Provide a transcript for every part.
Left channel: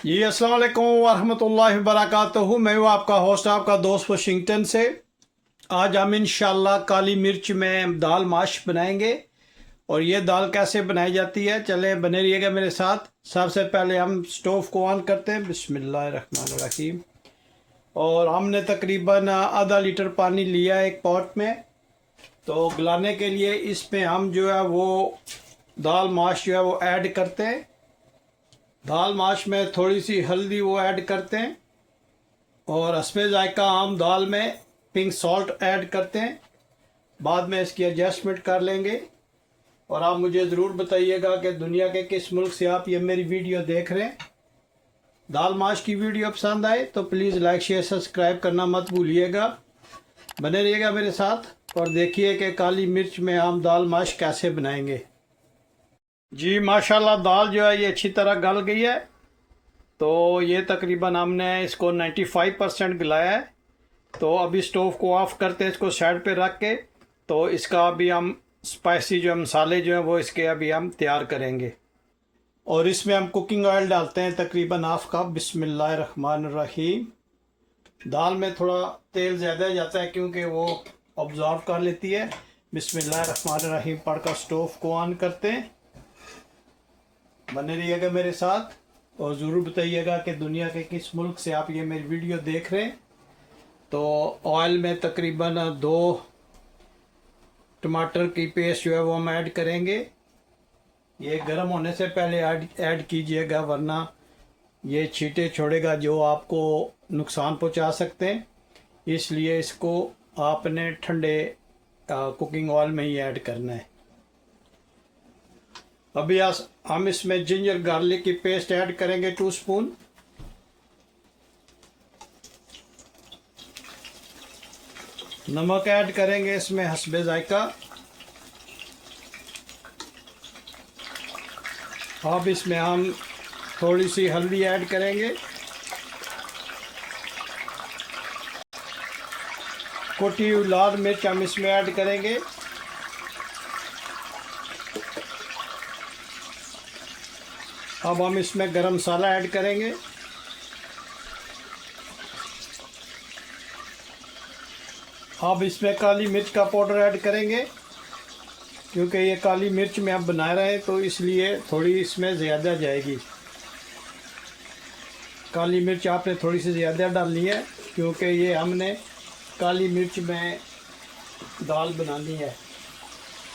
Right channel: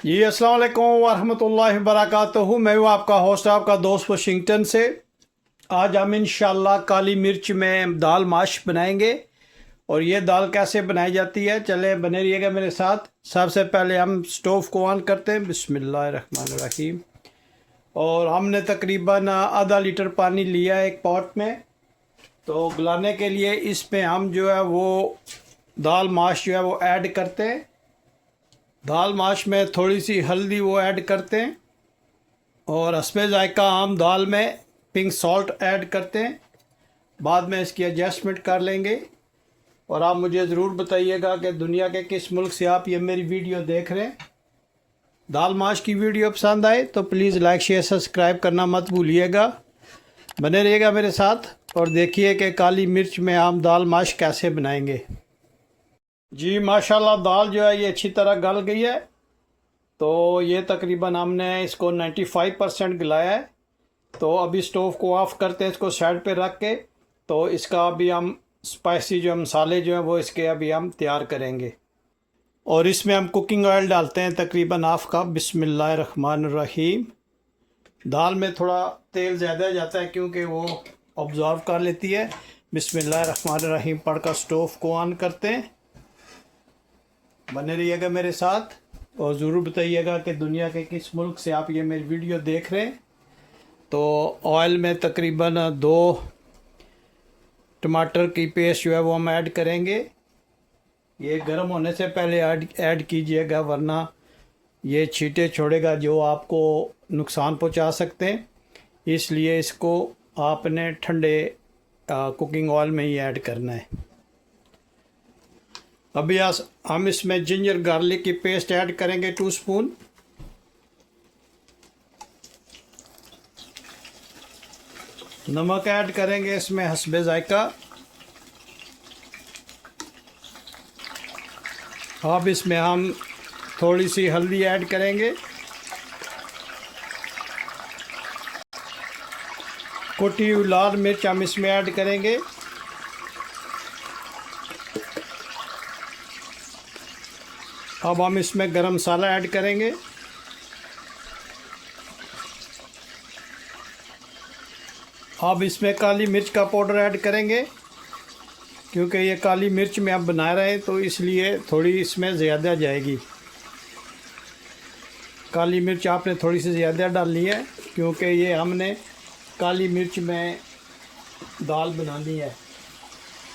जी अस्सलाम वालेकुम वरहमतुल्लाहि वबरकातुहू। मैं हूँ आपका होस्ट, आपका दोस्त वाशिंगटन से। आज हम इंशाल्लाह काली मिर्च में दाल माश बनाएंगे। और ये दाल कैसे बनाई जाती है, चले बने रहिएगा मेरे साथ। सबसे पहले हम स्टोव को ऑन करते हैं, बिस्मिल्लाहिर्रहमानिर्रहीम। और हमने तकरीबन आधा लीटर पानी लिया है एक पॉट में। तो गलाने के लिए इसमें हम जो है वो दाल माश जो है वो ऐड करते हैं। दाल माश में थोड़ी सी हल्दी वो ऐड करते हैं और हस्बे जायका हम दाल में पिंक सॉल्ट ऐड करते हैं। बाद में इसकी एडजस्टमेंट कर लेंगे। और आप मुझे ज़रूर बताइएगा कि दुनिया के किस मुल्क से आप ये मेरी वीडियो देख रहे हैं। दाल माश की वीडियो पसंद आए तो प्लीज़ लाइक शेयर सब्सक्राइब करना मत भूलिएगा। बने रहिएगा मेरे साथ और देखिए कि काली मिर्च में हम दाल माश कैसे बनाएंगे। जी माशाल्लाह, दाल जो है ये अच्छी तरह गल गई है। तो ये तकरीबन हमने इसको 95% गलाया है। तो अभी स्टोव को ऑफ़ करते हैं, इसको साइड पे रख के। तो इसका अभी हम स्पाइसी जो मसाले जो हैं वो इसके अभी हम तैयार करेंगे। और इसमें हम कुकिंग ऑयल डालते हैं तकरीबन हाफ कप। बिस्मिल्लाहिर्रहमानिर्रहीम। दाल में थोड़ा तेल ज़्यादा जाता है क्योंकि वो ऑब्जॉर्व कर लेती है। बिस्मिल्लाहिर्रहमानिर्रहीम पढ़कर स्टोव को ऑन करते हैं। बने रहिएगा मेरे साथ और ज़रूर बताइएगा कि दुनिया के किस मुल्क से आप ये मेरी वीडियो देख रहे हैं। तो ऑयल में तकरीबन 2 टमाटर की पेस्ट जो है वो हम ऐड करेंगे। ये गर्म होने से पहले ऐड कीजिएगा, वरना ये छींटे छोड़ेगा जो आपको नुकसान पहुंचा सकते हैं। इसलिए इसको आपने ठंडे कुकिंग ऑयल में ही ऐड करना है। अभी हम इसमें जिंजर गार्लिक की पेस्ट ऐड करेंगे 2 स्पून। नमक ऐड करेंगे इसमें हस्बे जायका। अब इसमें हम थोड़ी सी हल्दी ऐड करेंगे। कुटी हुई लाल मिर्च हम इसमें ऐड करेंगे। अब हम इसमें गरम मसाला ऐड करेंगे। अब इसमें काली मिर्च का पाउडर ऐड करेंगे क्योंकि ये काली मिर्च में आप बना रहे हैं तो इसलिए थोड़ी इसमें ज़्यादा जाएगी। काली मिर्च आपने थोड़ी सी ज़्यादा डालनी है क्योंकि ये हमने काली मिर्च में दाल बनानी है।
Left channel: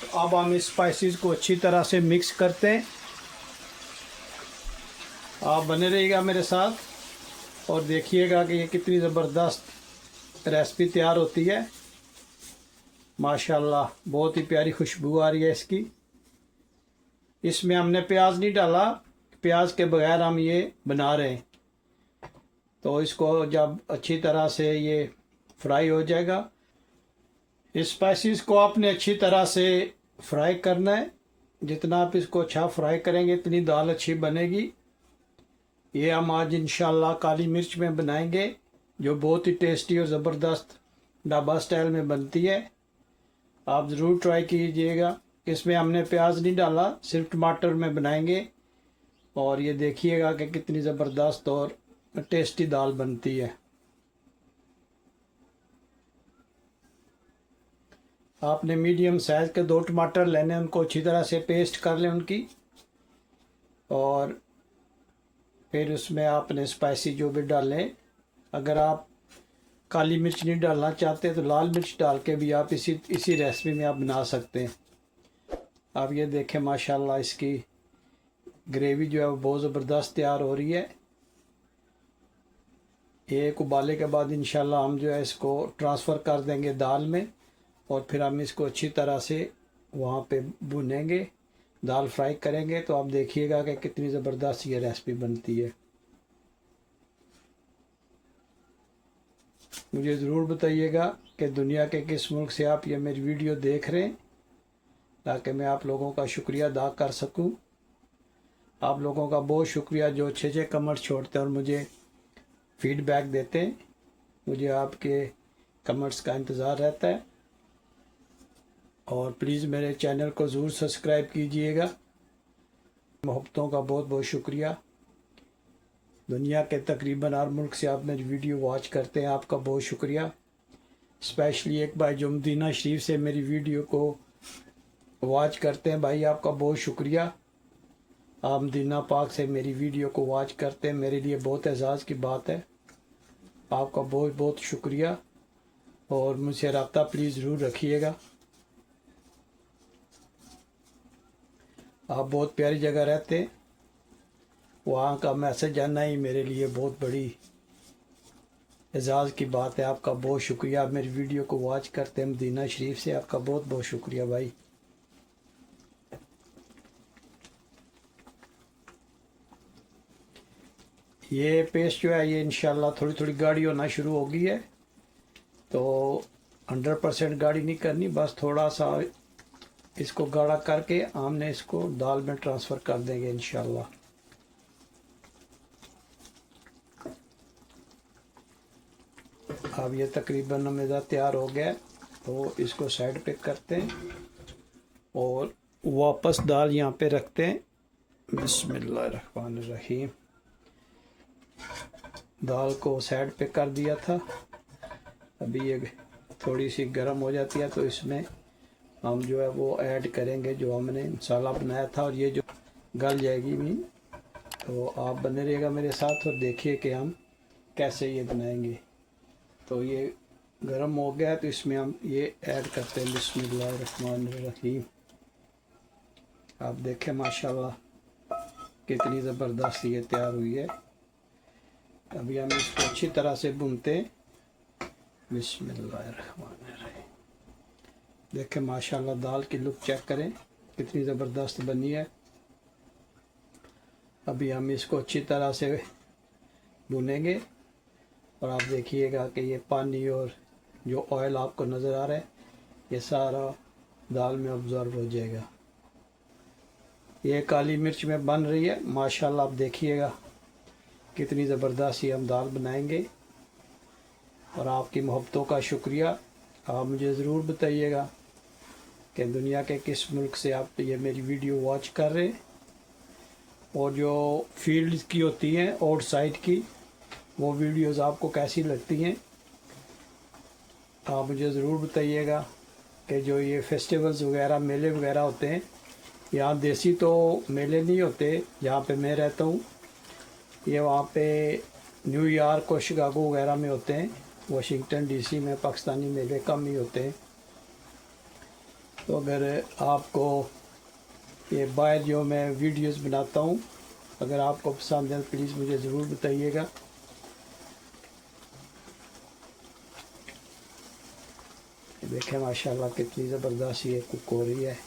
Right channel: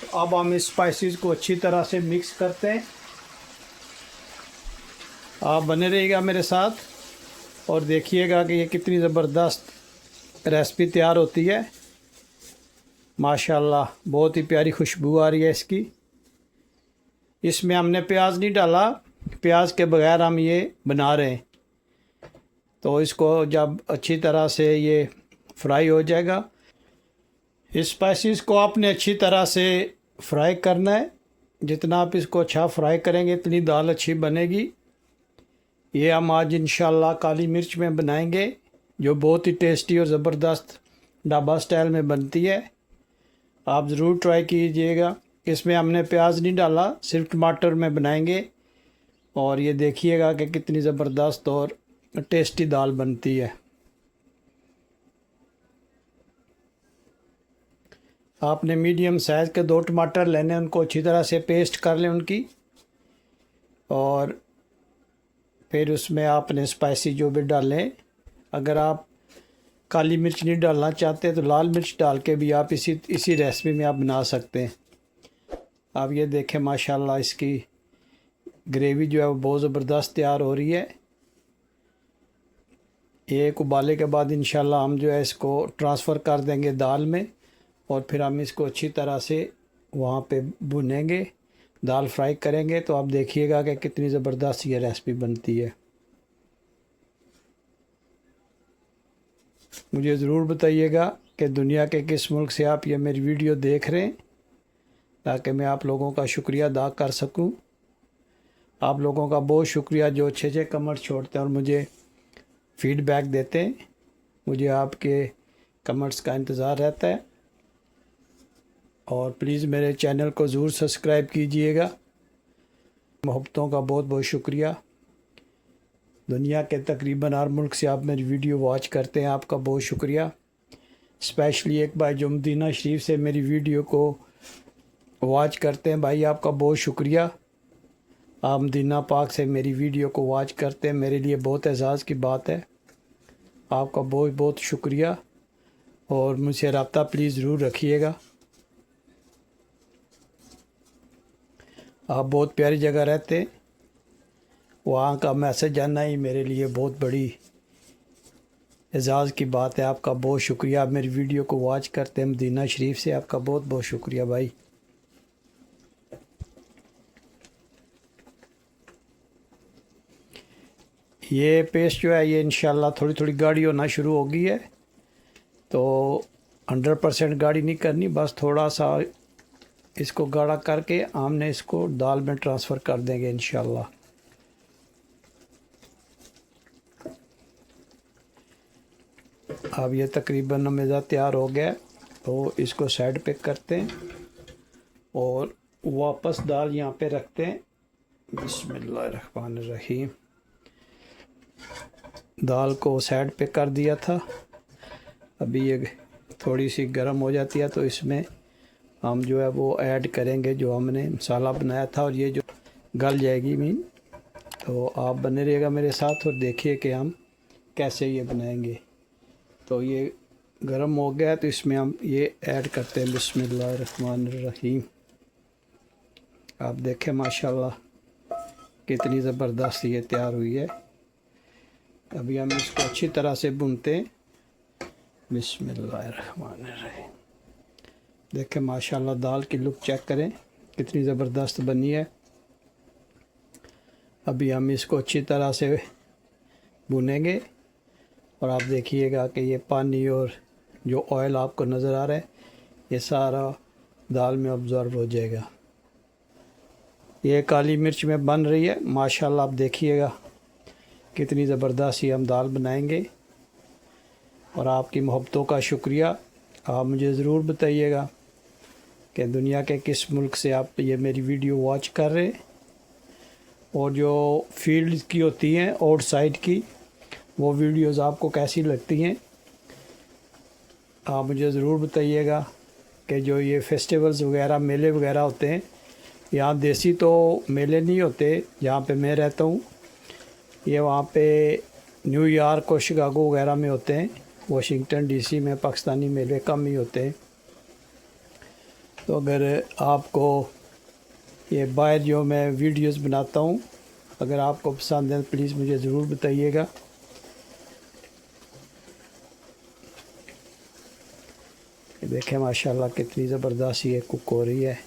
तो अब हम इस स्पाइसेस को अच्छी तरह से मिक्स करते हैं। आप बने रहिएगा मेरे साथ और देखिएगा कि ये कितनी ज़बरदस्त रेसिपी तैयार होती है। माशाल्लाह, बहुत ही प्यारी खुशबू आ रही है इसकी। इसमें हमने प्याज नहीं डाला, प्याज के बगैर हम ये बना रहे हैं। तो इसको जब अच्छी तरह से ये फ्राई हो जाएगा, इस स्पाइसेस को आपने अच्छी तरह से फ्राई करना है। जितना आप इसको अच्छा फ्राई करेंगे इतनी दाल अच्छी बनेगी। ये हम आज इंशाल्लाह काली मिर्च में बनाएंगे जो बहुत ही टेस्टी और ज़बरदस्त ढाबा स्टाइल में बनती है। आप ज़रूर ट्राई कीजिएगा। इसमें हमने प्याज नहीं डाला, सिर्फ टमाटर में बनाएंगे। और ये देखिएगा कि कितनी ज़बरदस्त और टेस्टी दाल बनती है। आपने मीडियम साइज़ के 2 टमाटर लेने, उनको अच्छी तरह से पेस्ट कर लें उनकी। और फिर उसमें आपने स्पाइसी जो भी डालें, अगर आप काली मिर्च नहीं डालना चाहते तो लाल मिर्च डाल के भी आप इसी रेसिपी में आप बना सकते हैं। आप ये देखें माशाल्लाह, इसकी ग्रेवी जो है वो बहुत ज़बरदस्त तैयार हो रही है। एक उबाले के बाद इंशाल्लाह हम जो है इसको ट्रांसफ़र कर देंगे दाल में। और फिर हम इसको अच्छी तरह से वहाँ पे भुनेंगे, दाल फ्राई करेंगे। तो आप देखिएगा कि कितनी ज़बरदस्त ये रेसिपी बनती है। मुझे ज़रूर बताइएगा कि दुनिया के किस मुल्क से आप ये मेरी वीडियो देख रहे हैं, ताकि मैं आप लोगों का शुक्रिया अदा कर सकूं। आप लोगों का बहुत शुक्रिया जो अच्छे अच्छे कमेंट्स छोड़ते हैं और मुझे फ़ीडबैक देते हैं। मुझे आपके कमेंट्स का इंतज़ार रहता है। और प्लीज़ मेरे चैनल को ज़रूर सब्सक्राइब कीजिएगा। मोहब्बतों का बहुत बहुत शुक्रिया। दुनिया के तकरीबन हर मुल्क से आप मेरी वीडियो वॉच करते हैं, आपका बहुत शुक्रिया। स्पेशली एक भाई जो मदीना शरीफ से मेरी वीडियो को वॉच करते हैं, भाई आपका बहुत शुक्रिया। आप मदीना पाक से मेरी वीडियो को वॉच करते हैं, मेरे लिए बहुत एजाज़ की बात है। आपका बहुत बहुत शुक्रिया और मुझसे रब्ता प्लीज़ ज़रूर रखिएगा। आप बहुत प्यारी जगह रहते हैं, वहाँ का मैसेज आना ही मेरे लिए बहुत बड़ी एजाज़ की बात है। आपका बहुत शुक्रिया। आप मेरी वीडियो को वॉच करते हैं मदीना शरीफ से, आपका बहुत बहुत शुक्रिया भाई। ये पेस्ट जो है ये इंशाल्लाह थोड़ी थोड़ी गाढ़ी होना शुरू हो गई है, तो 100% गाढ़ी नहीं करनी, बस थोड़ा सा इसको गाढ़ा करके हमने इसको दाल में ट्रांसफ़र कर देंगे इंशाल्लाह। अब ये तकरीबन मेज़ा तैयार हो गया, तो इसको साइड पे करते हैं और वापस दाल यहाँ पे रखते हैं। बिस्मिल्लाहिर्रहमानिर्रहीम। दाल को साइड पे कर दिया था, अभी ये थोड़ी सी गर्म हो जाती है तो इसमें हम जो है वो ऐड करेंगे जो हमने मसाला बनाया था, और ये जो गल जाएगी मीन। तो आप बने रहिएगा मेरे साथ और देखिए कि हम कैसे ये बनाएंगे। तो ये गर्म हो गया है तो इसमें हम ये ऐड करते हैं। बिस्मिल्लाहिर्रहमानिर्रहीम। आप देखें माशाल्लाह कितनी ज़बरदस्त ये तैयार हुई है। अभी हम इसको अच्छी तरह से भूनते हैं। बिस्मिल्लाहिर्रहमानिर्रहीम। देखें माशाल्लाह दाल की लुक चेक करें कितनी ज़बरदस्त बनी है। अभी हम इसको अच्छी तरह से भुनेंगे और आप देखिएगा कि ये पानी और जो ऑयल आपको नज़र आ रहा है ये सारा दाल में ऑब्ज़र्व हो जाएगा। ये काली मिर्च में बन रही है माशाल्लाह। आप देखिएगा कितनी ज़बरदस्त ही हम दाल बनाएंगे। और आपकी मोहब्बतों का शुक्रिया। आप मुझे ज़रूर बताइएगा कि दुनिया के किस मुल्क से आप ये मेरी वीडियो वॉच कर रहे हैं, और जो फील्ड की होती हैं आउटसाइड की वो वीडियोस आपको कैसी लगती हैं। आप मुझे ज़रूर बताइएगा कि जो ये फेस्टिवल्स वगैरह मेले वगैरह होते हैं, यहाँ देसी तो मेले नहीं होते जहाँ पे मैं रहता हूँ, ये वहाँ पे न्यूयॉर्क और शिकागो वगैरह में होते हैं। वाशिंगटन डीसी में पाकिस्तानी मेले कम ही होते हैं। तो अगर आपको ये बाहर जो मैं वीडियोस बनाता हूँ अगर आपको पसंद है प्लीज़ मुझे ज़रूर बताइएगा। देखें माशाल्लाह कितनी ज़बरदस्त ये कुक हो रही है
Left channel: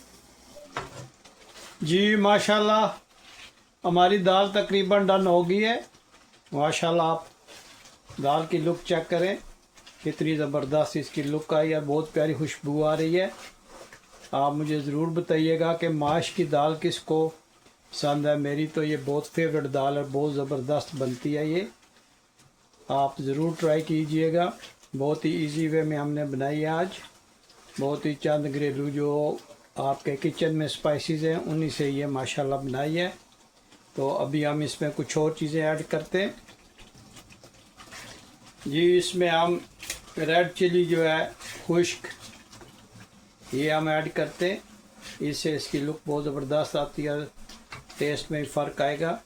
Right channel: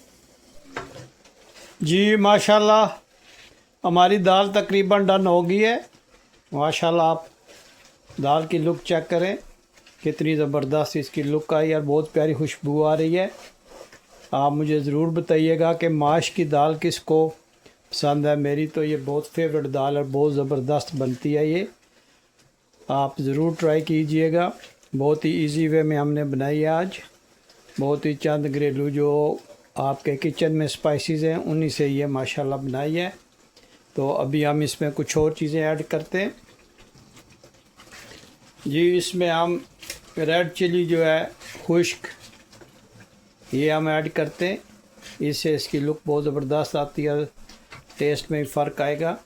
जी। माशाल्लाह हमारी दाल तकरीबन डन हो गई है माशाल्लाह। आप दाल की लुक चेक करें कितनी ज़बरदस्त इसकी लुक आई है, बहुत प्यारी खुशबू आ रही है। आप मुझे ज़रूर बताइएगा कि माश की दाल किसको पसंद है। मेरी तो ये बहुत फेवरेट दाल और बहुत ज़बरदस्त बनती है ये। आप ज़रूर ट्राई कीजिएगा। बहुत ही इजी वे में हमने बनाई है आज। बहुत ही चंद घरेलू जो आपके किचन में स्पाइसेस हैं उन्हीं से ये माशाल्लाह बनाई है। तो अभी हम इसमें कुछ और चीज़ें ऐड करते हैं जी। इसमें हम रेड चिली जो है खुश्क ये हम ऐड करते हैं, इससे इसकी लुक बहुत ज़बरदस्त आती है, टेस्ट में फ़र्क आएगा।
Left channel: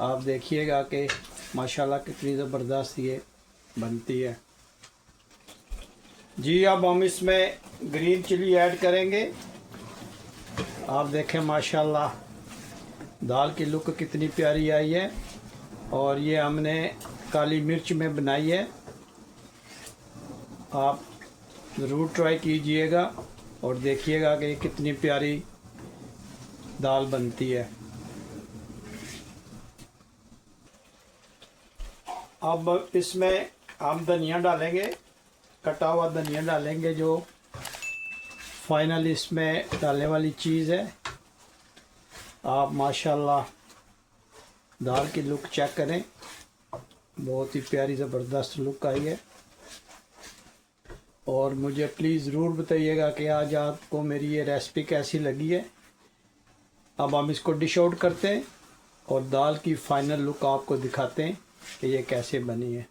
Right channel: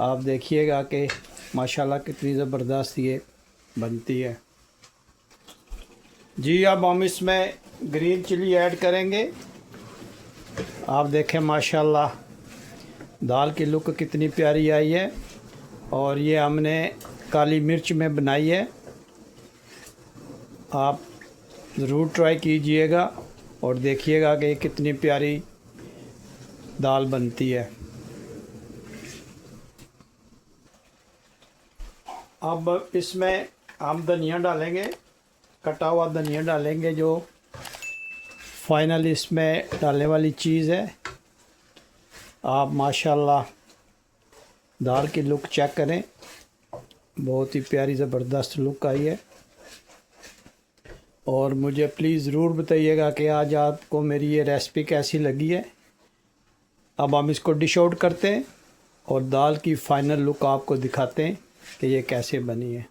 आप देखिएगा कि माशाल्लाह कितनी ज़बरदस्त ये बनती है जी। अब हम इसमें ग्रीन चिली ऐड करेंगे। आप देखें माशाल्लाह दाल की लुक कितनी प्यारी आई है, और ये हमने काली मिर्च में बनाई है। आप ज़रूर ट्राई कीजिएगा और देखिएगा कि कितनी प्यारी दाल बनती है। अब इसमें हम धनिया डालेंगे, कटा हुआ धनिया डालेंगे जो फाइनल इसमें डालने वाली चीज़ है। आप माशाल्लाह दाल की लुक चेक करें, बहुत ही प्यारी ज़बरदस्त लुक आई है। और मुझे प्लीज़ ज़रूर बताइएगा कि आज आपको मेरी ये रेसिपी कैसी लगी है। अब हम इसको डिश आउट करते हैं और दाल की फ़ाइनल लुक आपको दिखाते हैं कि ये कैसे बनी है।